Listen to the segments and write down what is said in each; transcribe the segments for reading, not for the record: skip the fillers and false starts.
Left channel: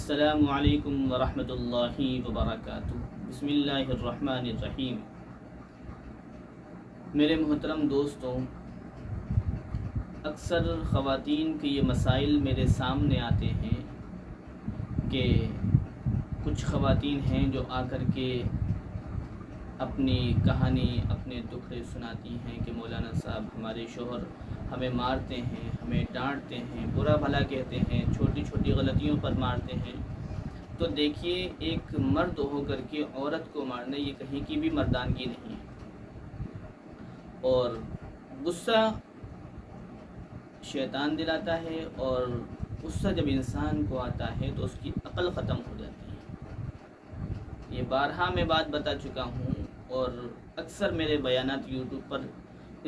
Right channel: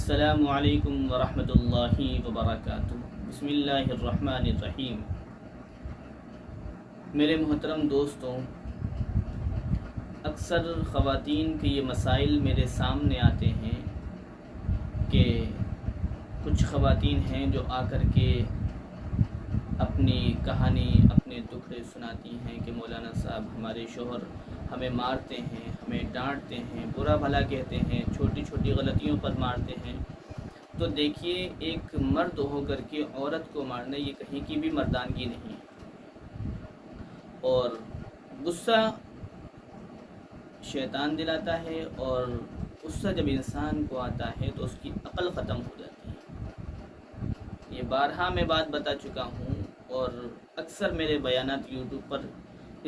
السلام علیکم ورحمۃ اللہ وبرکاتہ۔ بسم اللہ الرحمن الرحیم۔ میرے محترم دوستوں، اکثر خواتین کے یہ مسائل میرے سامنے آتے ہیں کہ کچھ خواتین ہیں جو آ کر کے اپنی کہانی، اپنے دکھڑے سناتی ہیں کہ مولانا صاحب ہمارے شوہر ہمیں مارتے ہیں، ہمیں ڈانٹتے ہیں، برا بھلا کہتے ہیں، چھوٹی چھوٹی غلطیوں پر مارتے ہیں۔ تو دیکھیے، ایک مرد ہو کر کے عورت کو مارنا یہ کہیں کی بھی مردانگی نہیں ہے، اور غصہ شیطان دلاتا ہے، اور غصہ جب انسان کو آتا ہے تو اس کی عقل ختم ہو جاتی ہے۔ یہ بارہا میں بات بتا چکا ہوں، اور اکثر میرے بیانات یوٹیوب پر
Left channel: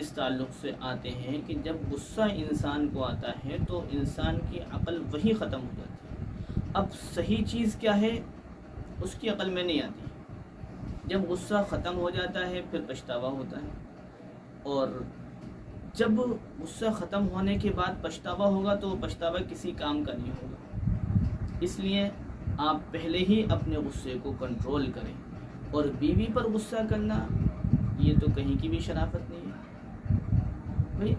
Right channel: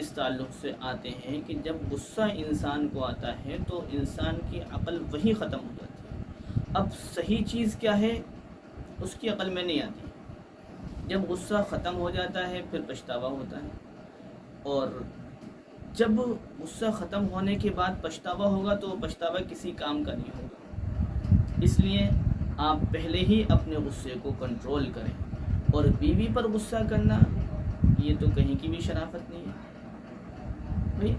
اس تعلق سے آتے ہیں کہ جب غصہ انسان کو آتا ہے تو انسان کی عقل وہی ختم ہو جاتی ہے۔ اب صحیح چیز کیا ہے اس کی عقل میں نہیں آتی۔ جب غصہ ختم ہو جاتا ہے پھر پچھتاوا ہوتا ہے، اور جب غصہ ختم ہونے کے بعد پچھتاوا ہوگا تو وہ پچھتاوا کسی کام کا نہیں ہوگا۔ اس لیے آپ پہلے ہی اپنے غصے کو کنٹرول کریں، اور بیوی پر غصہ کرنا یہ تو کہیں کی بھی شرافت نہیں ہے۔ بھئی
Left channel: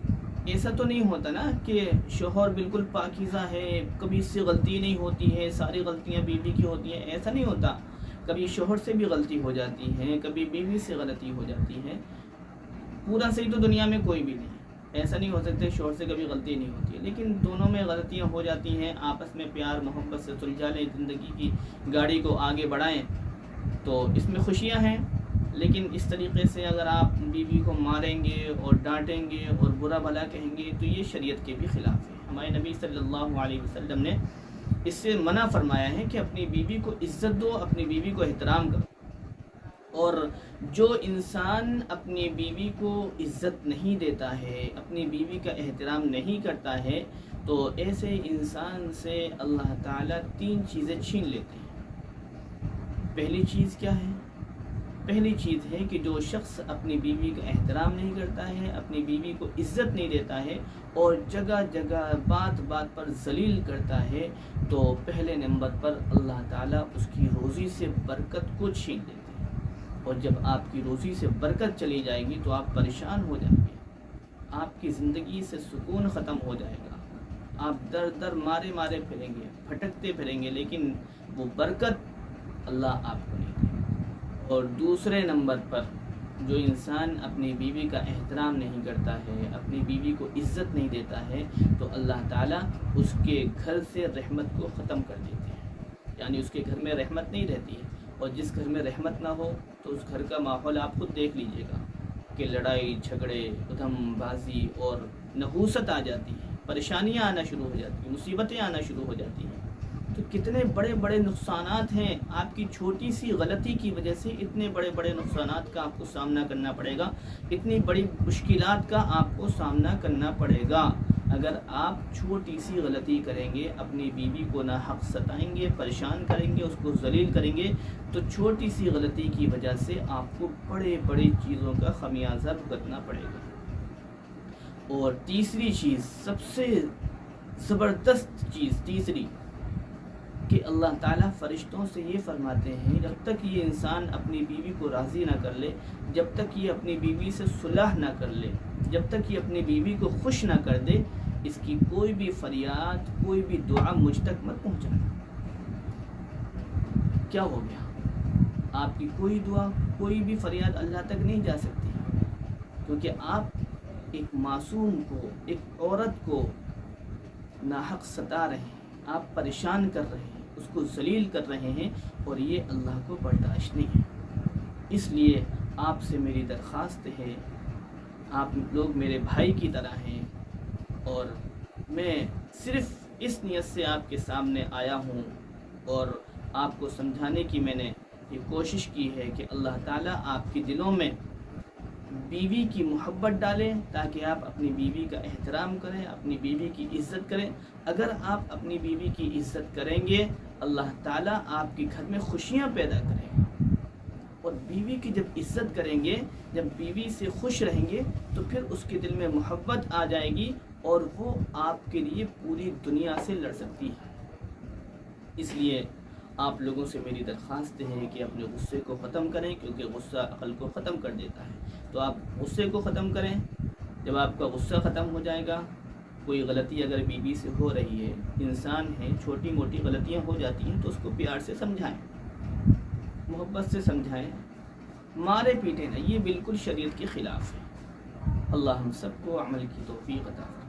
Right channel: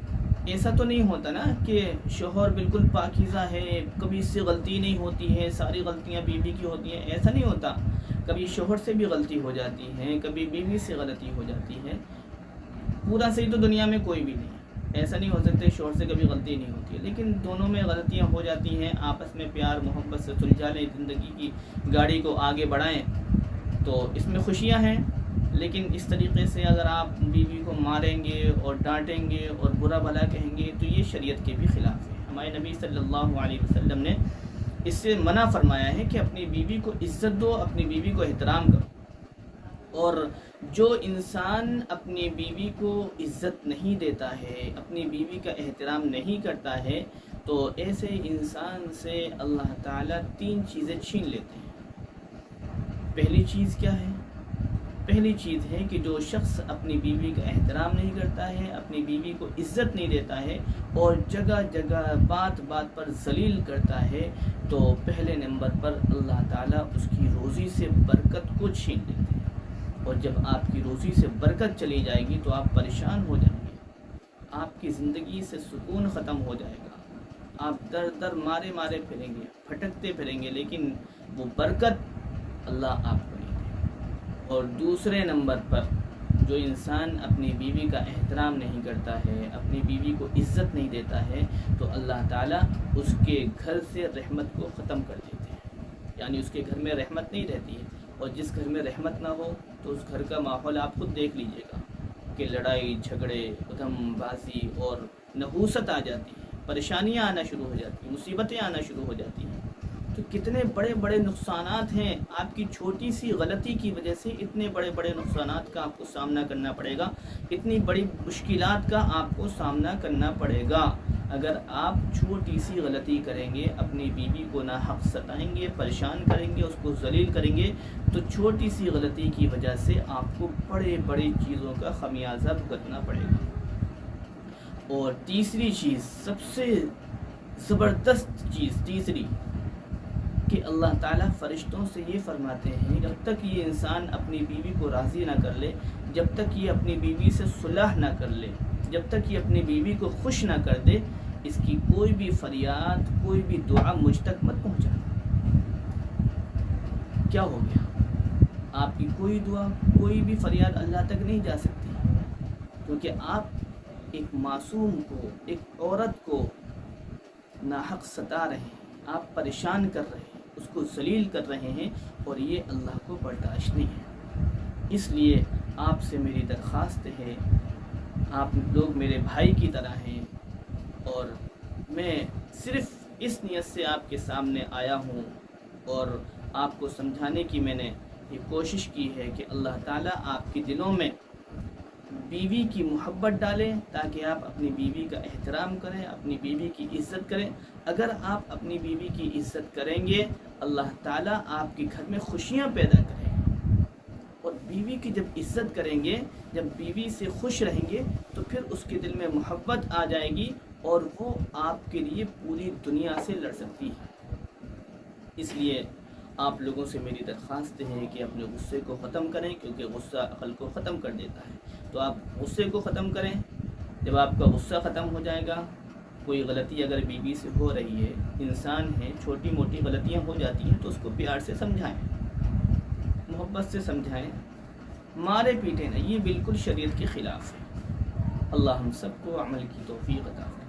ایسا تو نہیں ہوتا نا کہ شوہر بالکل پاکیزہ ہے، کبھی اس سے غلطی نہیں ہوتی ہے، ساری غلطیاں بیوی کی ہوتی ہیں، ایسا نہیں ہوتا۔ کبھی شوہر سے بھی غلطی ہو جاتی ہے، کبھی بیوی سے غلطی ہو جاتی ہے۔ پورا صحیح تو دنیا میں کوئی بھی نہیں ہے، ایسا نہیں ہو سکتا شوہر سے کبھی غلطی نہیں ہوتی ہے، لیکن دونوں میں غلطیاں ہو جاتی ہیں۔ آپس میں پیار محبت سے سلجھا لیں، زندگی کی گاڑی کو آگے بڑھائیں تو اس میں خوشیاں ہیں۔ لیکن اس طریقے سے اگر آپ بیوی کو ماریں گے اور ڈانٹیں گے اور برا بھلا کہیں گے تو یہ شریعت کے بھی خلاف ہے۔ ہمارے نبی صلی اللہ علیہ وسلم نے اس سے منع فرمایا ہے کہ اپنی بیوی کو عزت دو، اپنی بیوی کو احترام کرو۔ اور جو انسان اپنی بیوی کو عزت نہیں دیتا ہے، اپنی بیوی کا احترام نہیں کرتا ہے، تو ایسے انسان سے اللہ تعالیٰ 3 چیزیں چھین لیتے ہیں۔ پہلی چیز کیا ہے؟ پہلی چیز ہے کہ جو شخص اپنی بیوی کا احترام نہیں کرتا ہے، اپنی بیوی کو عزت نہیں دیتا ہے، اور جگہ جگہ بات بات پر ذلیل کرتا ہے، تو پہلے نمبر پر اللہ تعالیٰ اس کی روزی سے برکت کو چھین لیتے ہیں۔ اور جب آپ کی روزی سے برکت چلی جائے گی تو آپ پریشان ہو جائیں گے، آپ کی زندگی سے سکون ختم ہو جائے گا، آپ در در مارے مارے پھریں گے، پھٹکتے پھریں گے، لیکن وہ برکت اللہ آپ کو نہیں دے گا۔ اور دوسرے نمبر پر جو انسان اپنی بیوی کا احترام نہیں کرتا ہے، اپنی بیوی کو عزت نہیں دیتا ہے، تو اللہ تعالیٰ اس کے گھر سے رحمت کو ختم کر دیتے ہیں، یعنی اس کے گھر میں رحمت نہیں رہتی ہے۔ اور جس گھر میں رحمت نہ ہو تو اس گھر کا ماحول آپ خود دیکھ لیجئے گا کہ لڑائی جھگڑے، ادھم بازی اور نحوست آ جاتی ہے، پریشانیاں آنا شروع ہو جاتی ہیں، مصیبتیں آنا شروع ہو جاتی ہیں۔ تو کتنے بڑے بڑے نقصانات ہیں، آپ کی چھوٹی سی غلطی کی وجہ سے اتنے بڑے بڑے نقصانات کا آپ کو سامنا کرنا پڑے گا، اتنی بڑی مشکلات کا آپ کو سامنا کرنا پڑے گا۔ اگر آپ چھوٹی سی غلطی کریں گے، اپنی بیوی کو ناحق ستائیں گے، پریشان کریں گے، اس کو ذلیل کریں گے، تو چھوٹی سی غلطی کی وجہ سے آپ کو بڑے بڑی چیزوں کا خمیازہ بھگتنا پڑے گا۔ اور تیسری چیز، سب سے زبردست چیز تیسری، کہ اللہ تعالیٰ فرشتوں سے یہ فرماتے ہیں جب تک یہ انسان اپنی بیوی کو راضی نہ کر لے، جب تک یہ اپنی بیوی سے صلح نہ کر لے، جب تک یہ اپنی بیوی کو خوش نہ کر دے، اس کی کوئی بھی فریاد، کوئی بھی دعا مجھ تک مت پہنچانا۔ کیا ہو گیا؟ آپ کی کوئی دعا، کوئی بھی فریاد اللہ تک نہیں جا سکتی، کیونکہ آپ ایک معصوم کو، ایک عورت کو ناحق ستا رہے ہیں، آپ پریشان کر رہے ہیں، اس کو ذلیل کر رہے ہیں، اور یہ اللہ کو برداشت نہیں ہے۔ اس لیے آپ سے میری درخواست ہے، آپ لوگ میرے بھائی کی طرح ہیں، اور میں صرف اس نیت سے آپ کے سامنے آیا ہوں اور آپ کو سمجھانے کی میں نے یہ کوشش کی ہے کہ اللہ تعالیٰ آپ کے دلوں میں بیوی کی محبت ڈالیں، تاکہ آپ اپنی بیوی کا احترام کریں، اپنی بیوی کی عزت کریں۔ اگر آپ اپنی بیوی کی عزت کریں گے، اللہ تعالیٰ آپ کے گھر میں خوشیاں پیدا کریں گے۔ اور بیوی کی جب عزت کریں گے، جب بیوی سے خوش رہیں گے، تو پھر اس کے دل میں محبت آ جائے گی، اور وہ آپ کے لیے پوری دنیا سے لڑ سکتی ہے۔ اس لیے آپ لوگوں سے میری درخواست ہے کہ اپنے غصے کو ختم کریں، کیونکہ غصہ عقل کو ختم کر دیتا ہے۔ تو آپ غصے کو ختم کریں۔ جب آپ کا غصہ ختم ہو جائے گا، کوئی غلطی اگر بیوی سے ہو رہی ہے، انسان ہے، چھوٹی موٹی غلطیاں ہو جاتی ہیں تو اس کو پیار سے سمجھائیں، محبت سے سمجھائیں، مارے پیٹے نہیں، یہ بالکل شریعت کے خلاف ہے۔ اللہ ہم سب کو عمل کی توفیق عطا فرمائے۔